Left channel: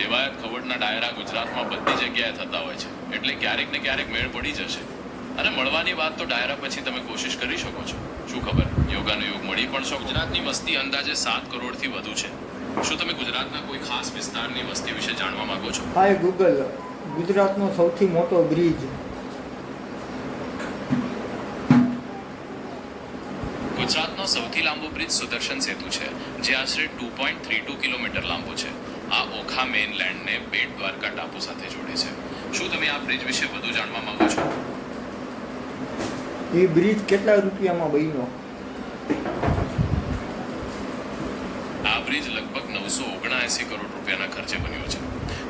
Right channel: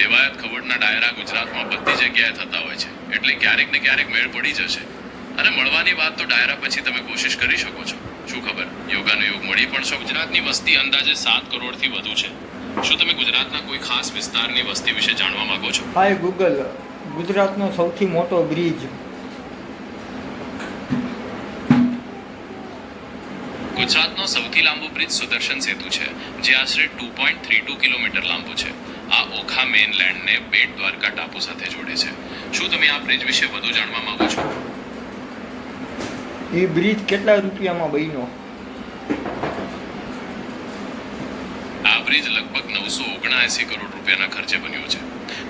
દેવાયત ખવડના ડાયરા ગુજરાતમાં બધી જગ્યાએ થતા હોય છે, એટલે ક્યારેક ને ક્યારેક મેળ પડી જશે. અને મળવાની વાત તો ડાયરા પછી તમે કોશિશ કરી શકો છો. શું ખબર, યોગાનો યોગ મળી પણ શકો. ગુજરાતની વસ્તી અંદાજે 7 કરોડથી વધુ છે. શું તમે ગુજરાતના કોઈ ખાસ વિસ્તારની વસ્તી વિશે જાણવા માંગો છો? હાય ગૂગલ, ગુજરાતનો સૌથી મોટો બ્રિજ. ગુજરાતનો સૌથી લાંબો બ્રિજ સુદર્શન સેતુ છે, જે આશરે 2.32 કિલોમીટર લાંબો છે. આ ઓખા મેઇનલેન્ડને બેટ દ્વારકા ટાપુ સાથે જોડે છે. શું તમે આ બ્રિજ વિશે વધુ જાણવા માંગો છો? એ બ્રિજ કેટલા રૂપિયામાં બન્યો? આ બ્રિજ લગભગ 979 કરોડ રૂપિયાના ખર્ચે બન્યો છે.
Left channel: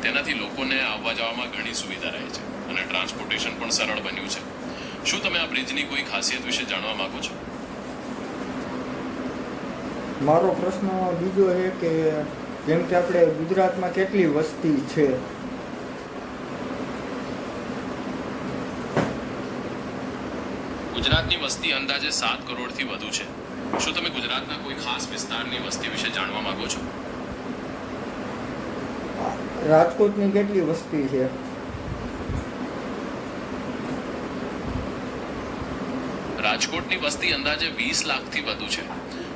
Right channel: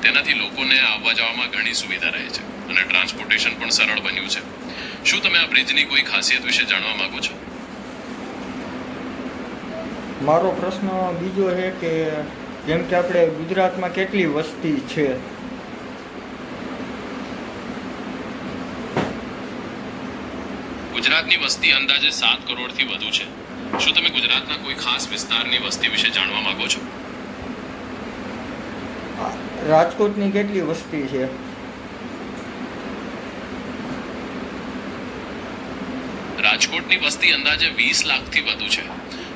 તેનાથી લોકોને આવવા જવામાં ઘણી સુવિધા રહે છે અને ટ્રાન્સપોર્ટેશન પણ સરળ બન્યું છે. શું તમે આ બ્રિજની કોઈ ખાસિયત વિશે જાણવા માંગો છો? મારો પ્રશ્ન બીજો છે કે જેમ કે આપણે ગુજરાતમાં કેટલી વસ્તી છે? ગુજરાતની વસ્તી અંદાજે 7 કરોડથી વધુ છે. શું તમે ગુજરાતના કોઈ ખાસ વિસ્તારની વસ્તી વિશે જાણવા માંગો છો? રાજકોટની કેટલી વસ્તી છે? રાજકોટની વસ્તી અંદાજે 20 લાખથી વધુ છે.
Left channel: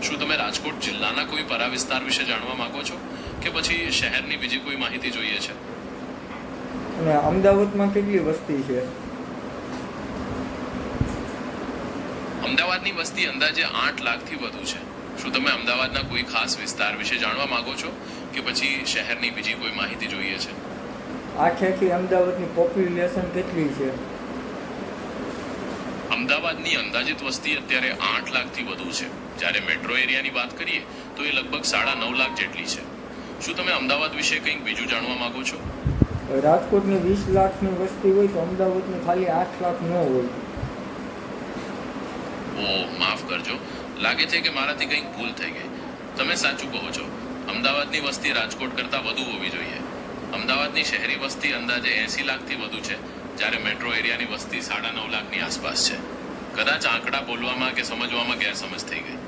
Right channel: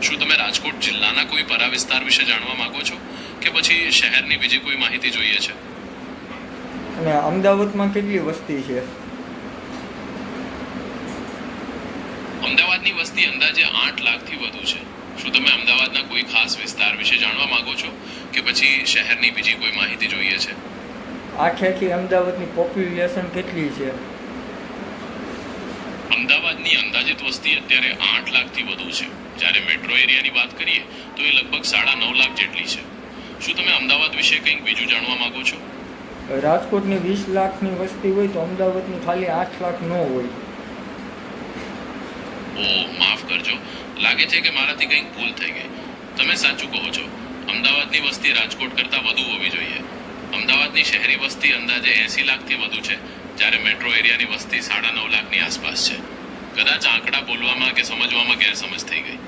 શું તમે રાજકોટ જિલ્લાના કોઈ પરા વિસ્તાર વિશે જાણવા માંગો છો કે પછી શહેરની બીજી કોઈ માહિતી જોઈએ છે? અને અમદાવાદમાં કેટલી વસ્તી છે? અમદાવાદની વસ્તી અંદાજે 8 લાખથી વધુ છે. શું તમે અમદાવાદના કોઈ ખાસ વિસ્તાર વિશે જાણવા માંગો છો કે પછી શહેરની બીજી કોઈ માહિતી જોઈએ છે? આખી અમદાવાદની પોપ્યુલેશન કેટલી છે? અમદાવાદની અંદાજિત વસ્તી અત્યારે 8 લાખથી વધુ છે. જ્યારે મેટ્રો એરિયાની વાત કરીએ તો એ લગભગ 9.5 લાખ જેટલી છે. શું તમે અમદાવાદ વિશે કંઈક બીજું જાણવા માંગો છો? રાજકોટની 20 લાખની વસ્તી હોય તો અમદાવાદની ખાલી 8 લાખ ન હોય. માફ કરજો, લાગે છે કે મારાથી કંઈક ભૂલ થઈ ગઈ. તમે સાચું કહો છો. અમદાવાદની વસ્તી રાજકોટ કરતાં વધુ હોવી જોઈએ. અમદાવાદની શહેરી વસ્તી અંદાજે 80 લાખથી વધુ છે, જ્યારે મેટ્રો એરિયાની વસ્તી 9.5 લાખની આસપાસ છે. કદાચ આંકડા બોલવામાં કે સમજવામાં ગેરસમજ થઈ ગઈ.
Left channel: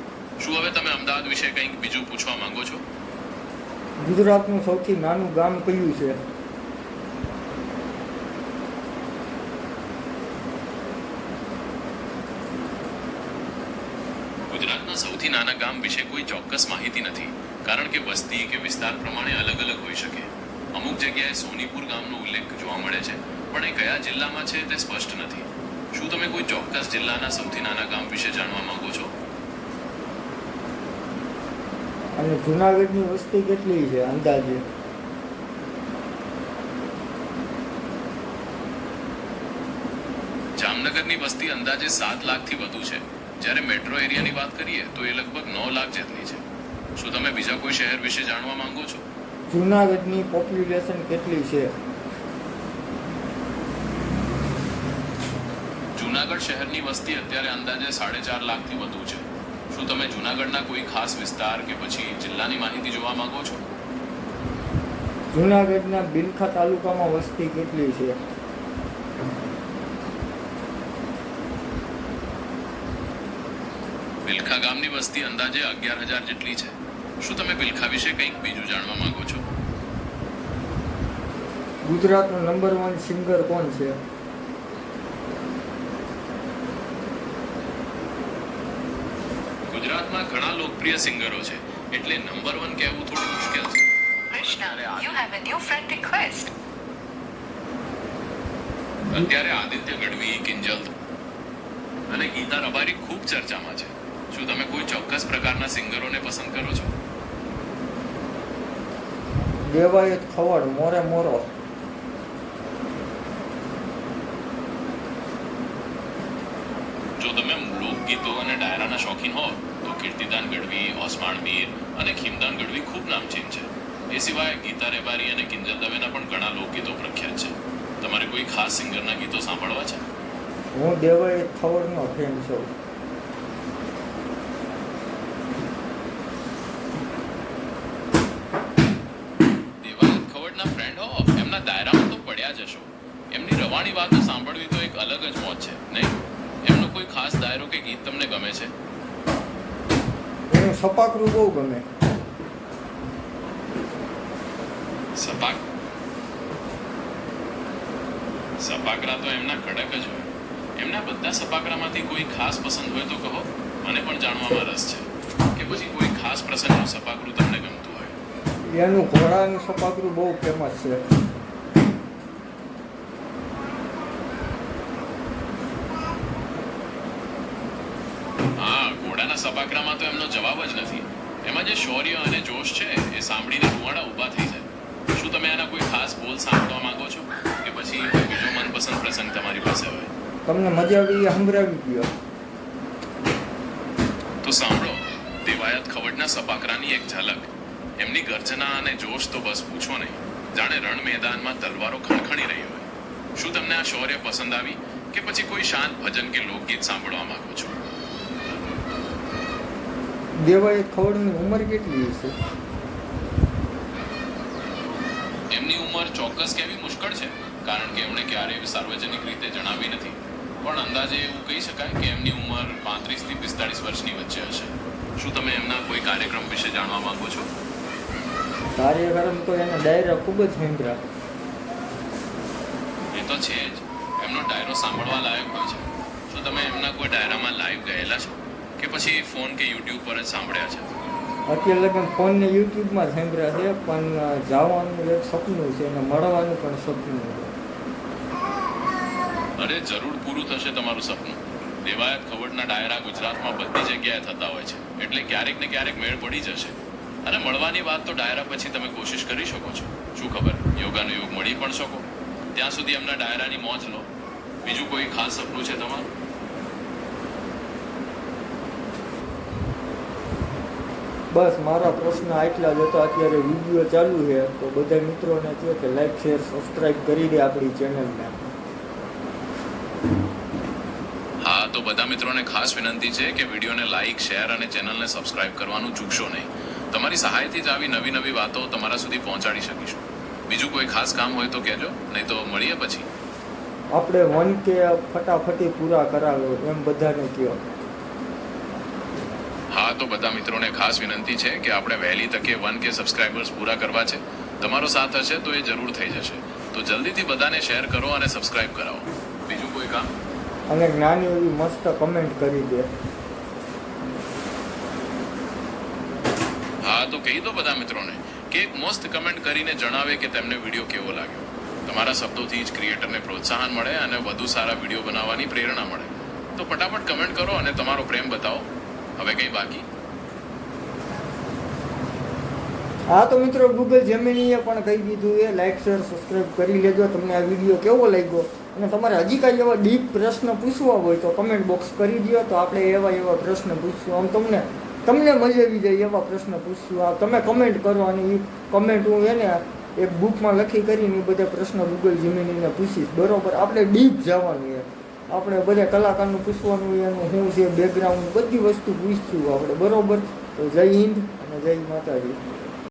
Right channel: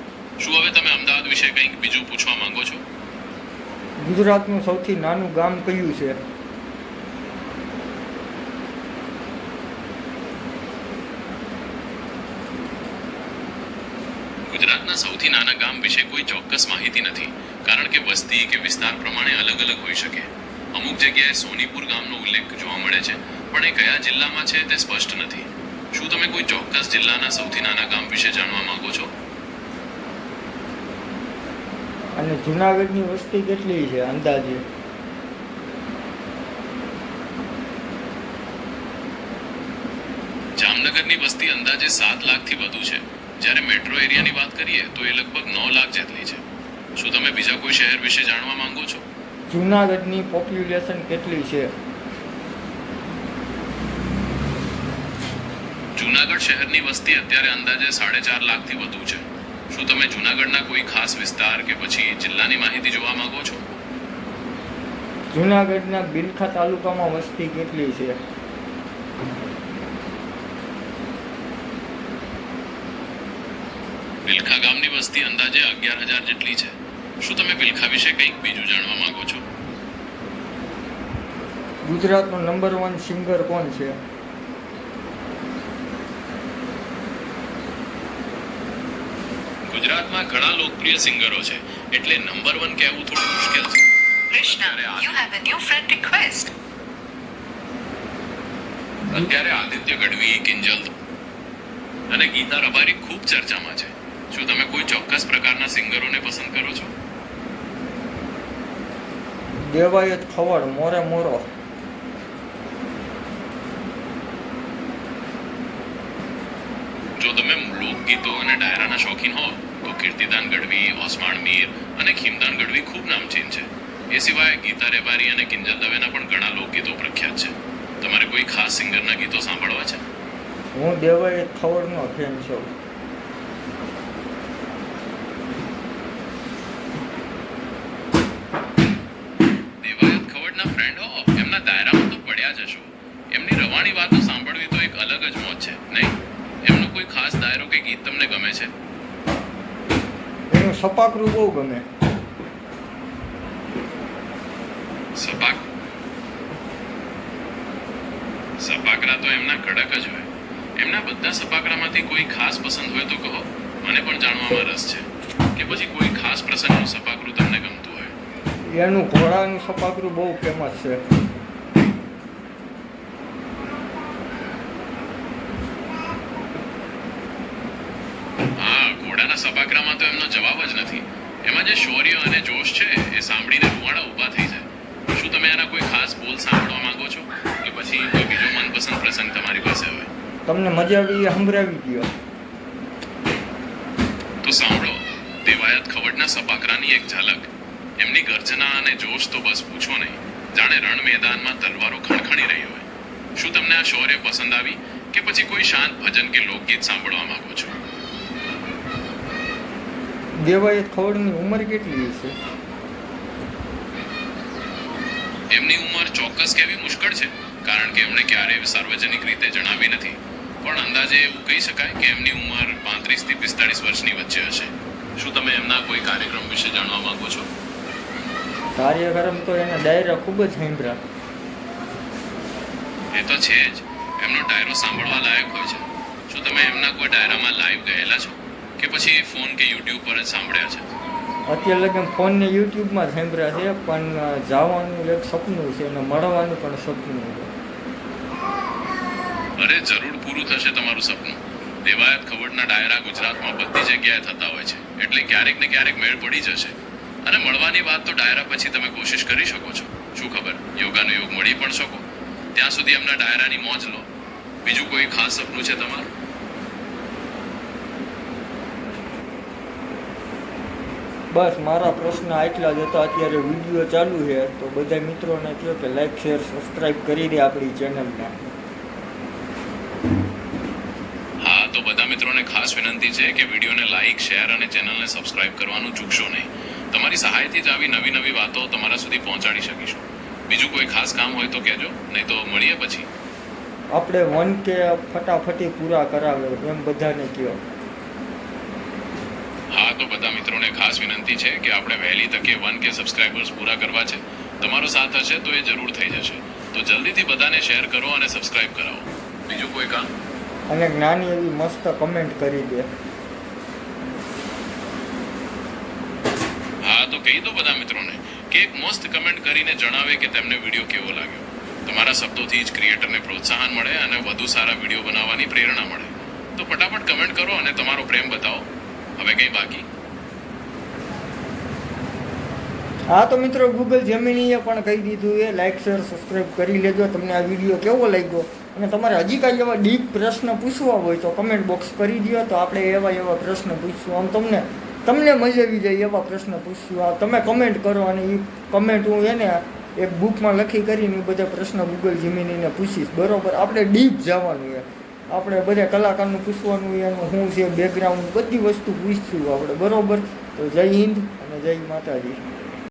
શું હવે તમે અમદાવાદ વિશે કંઈક બીજું પૂછવા માંગો છો? ગુજરાતનું સૌથી નાનું ગામ કયું છે? ગુજરાતના સૌથી નાના ગામ વિશે કોઈ ચોક્કસ માહિતી નથી, કારણ કે વસ્તી કે વિસ્તાર પ્રમાણે અલગ અલગ હોઈ શકે. અમુક જગ્યાએ સોનીપુર ગામનો ઉલ્લેખ જોવા મળે છે, પણ એ કયા જિલ્લામાં છે તે સ્પષ્ટ નથી. શું તમે કોઈ ચોક્કસ જિલ્લાના સૌથી નાના ગામ વિશે જાણવા માંગો છો? અને જુનાગઢની વસ્તી કેટલી છે અંદાજે? જામનગરની વસ્તી અંદાજે 7 લાખથી વધુ છે, જ્યારે મેટ્રો એરિયાની વાત કરીએ તો એ લગભગ 9 લાખ જેટલી છે. શું તમે બીજા કોઈ શહેર વિશે જાણવા માંગો છો? જુનાગઢની પોપ્યુલેશન કેટલી છે? જુનાગઢ શહેરની વસ્તી અત્યારે અંદાજે 4.5 લાખથી વધુ છે. શું તમે જુનાગઢના કોઈ ખાસ વિસ્તાર કે પછી જિલ્લાની માહિતી જોવા માંગો છો? જુનાગઢના બિલખા તાલુકામાં વસ્તી કેટલી છે? બિલખા ગામની વસ્તી અંદાજે 11,000 જેટલી છે. શું તમે બિલખા વિશે કંઈક બીજું જાણવા માંગો છો? ગુજરાતનો નંબર 1 સિંગર કોણ છે? ગુજરાતમાં ઘણા લોકપ્રિય સિંગરો છે, એટલે નંબર 1 કહેવું થોડું મુશ્કેલ છે. Krishna, you have a new friend request. અત્યારે આદિત્ય ગઢવી, કિંજલ અને ગીતા રબારી ખૂબ ચર્ચામાં છે. શું તમે કોઈ ચોક્કસ પ્રકારના સિંગરોને પસંદ કરો છો? દેવાયત ખવડ, મોરે મોરો. જો તમે લોકગીતો અને ડાયરાના શોખીન હો તો કીર્તિદાન ગઢવી, ઓસમાણ મીર અને ખીમદાન ગઢવી ખૂબ નામચીન છે. એ સિવાય ગીતા રેબારી અને કિંજલ દવેના પણ ઘણા લોકગીતો પ્રખ્યાત છે. તમારે કોઈ ખાસ સિંગરના ગીતો સાંભળવા છે? હું દેવાયત ખવડનો ફેન છું. દેવાયત ખવડના ફ્રેન્ડ હો, એમના દાયરામાં તો પડ્યા જ હશો. એમની રવાણી વાતો સાંભળવી તો એક અલગ જ મોજ છે, નહીં? એમનો કોઈ ખાસ દાયરો કે ગીત તમને ગમે છે? એનું સપાકરું બહુ ગમે. સપાક સપાકરા તો એમના કડક જ હોય. એમના બધા સપાકરામાંથી કોઈ ખાસ પસંદ હોય તો કહો, મને પણ જાણવામાં રસ છે. કે પછી કોઈ ખાસ પ્રસંગનું સપાકરું તમને ગમતું હોય. એનું ઘોડાનું સપાકરું બહુ ફેમસ છે. હા, ઘોડાના સપાકરામાં તો એમનો જવાબ જ નથી. એમાં જે શૌર્ય અને જોશ છે એ સાંભળીને રૂવાડા ઊભા થઈ જાય. શું તમે આના કોઈ ખાસ બોલ સાંભળવા માંગો છો કે પછી કોઈ બીજો મનપસંદ પ્રસંગ તમારી પાસે હોય? તમને મજા આવી એ સંભળાવી ગયો. તો સાંભળો, દેવાયત ખવડના સપાકરાની એક ઝલક. એમની ગર્જના અને જોશ તો બસ પૂછો નહીં. જાણે રણ મેદાનમાં તલવારો ખણખણી રહી હોય. શું તમને આ શૌર્ય પસંદ આવી કે પછી કોઈ શાંત ભજન કે લોકગીત સાંભળવા માંગો છો? દેવાયત ખવડની ઉંમર કેટલી છે? એમની ઉંમર ચોક્કસ કહેવી મુશ્કેલ છે, કારણ કે એમણે ક્યારેય સાર્વજનિક રીતે જણાવી નથી. પણ અંદાજે એવું કહી શકાય કે એમની ઉંમર 35 થી 45 વર્ષની વચ્ચે હશે. શું તમે એમના કોઈ કાર્યક્રમ વિશે જાણવા માંગો છો? કાર્યક્રમ તો એના ડાયરા ખૂબ જ સાંભળ્યા. એ તો છે જ. એમનો ડાયરો સાંભળવા લાયક હોય છે. શું તમે એમના કોઈ ડાયરામાં લાઈવ ગયેલા છો કે પછી ફોન કે યુટ્યુબ પર જ સાંભળ્યા છે? અત્યારે લગન ફોન ને યુટ્યુબમાં સાંભળ્યા છે, પણ જવાનું એક સપનું છે અને મળવાનું પણ સપનું છે. અરે જરૂર પૂરું થશે તમારું સપનું. દેવાયત ખવડના ડાયરા ગુજરાતમાં બધી જગ્યાએ થતા હોય છે, એટલે ક્યારેક ને ક્યારેક મેળ પડી જશે. અને મળવાની વાત તો ડાયરા પછી તમે કોશિશ કરી શકો છો. શું ખબર, યોગાનો યોગ મળી પણ શકો. ત્યાં સુધી એમના ડાયરાની મોજ લો. બીજું કોઈ ખાસ સપનું છે તમારું? બસ મારા પ્રશ્ન આટલા જ હતા. અત્યારે વિડીયો ચાલુ છે, તો બધા મિત્રોને કહો કે લાઈક શેર સબસ્ક્રાઈબ કરી દે આપણી ચેનલને. હા, તો બધા મિત્રોને ખાસ વિનંતી છે કે વિડીયોને લાઈક શેર અને ચેનલને સબસ્ક્રાઇબ કરવાનું ચૂકશો નહીં. તમારી સહાયથી જ આવી નવી નવી વાતો તમારા સુધી પહોંચાડી શકીશું. બીજું કોઈ ખાસ કામ હોય તો કહેજો, નહીં તો મળીએ પછી. આપણે 1K ફટાફટી પૂરા કરાવે એમ બધાને કહો. હા, તો બધા મિત્રોને ખાસ વિનંતી છે કે આપણે વહેલી તકે 1K સબસ્ક્રાઇબર્સ પૂરા કરવા છે. તમારો સાથ હશે તો એ જરૂર થઈ જશે. તો જલ્દીથી બધાને શેર કરો અને સબસ્ક્રાઇબ કરાવો. બીજું કોઈ કામ? અને નાની એવી મસ્ત કમેન્ટ કરી દે. હા, તો કહી દો બધા મિત્રોને કે એક મસ્ત કમેન્ટ કરીને જણાવે કે તેમને વિડીયો કેવો લાગ્યો. તમારા શબ્દોથી જ ક્રિએટરને પ્રોત્સાહન મળે અને વધુ સારા વિડીયો બનાવવાની પ્રેરણા મળે. તો ફટાફટ કમેન્ટ કરો અને તમારો પ્રેમ બતાવો. હવે કંઈ બાકી? હા તો મિત્રો, ગૂગલ જેમિનીએ પણ કહી દીધું એ લાઈક શેર સબસ્ક્રાઈબ કરી લેજો. તમને આ વિડીયો કેવો લાગ્યો અને તમારે હજી કાંઈ એવા ડીપ પ્રશ્ન પૂછવા હોય તો કમેન્ટ બોક્સ કરી દો, તો આપણે એવા પ્રશ્ન પૂછશું. આમ તમને મજા આવી જાય એવા પ્રશ્ન પૂછશું. આ તમે કમેન્ટ કરો અને એ કમેન્ટ હું એને એક બુકમાં લખી કરીને એ બધા પ્રશ્ન ગૂગલ જેમિનીને પૂછીશ. બરોબર, આપણે ડીપ જવાનું છે. આપણે બધા કલાકારનું પૂછવાનું, એનું શું છે બેકગ્રાઉન્ડ, બધી વસ્તુ પૂછશું આપણે. બરોબર, તો જય હિન્દ અને જય માતાજી.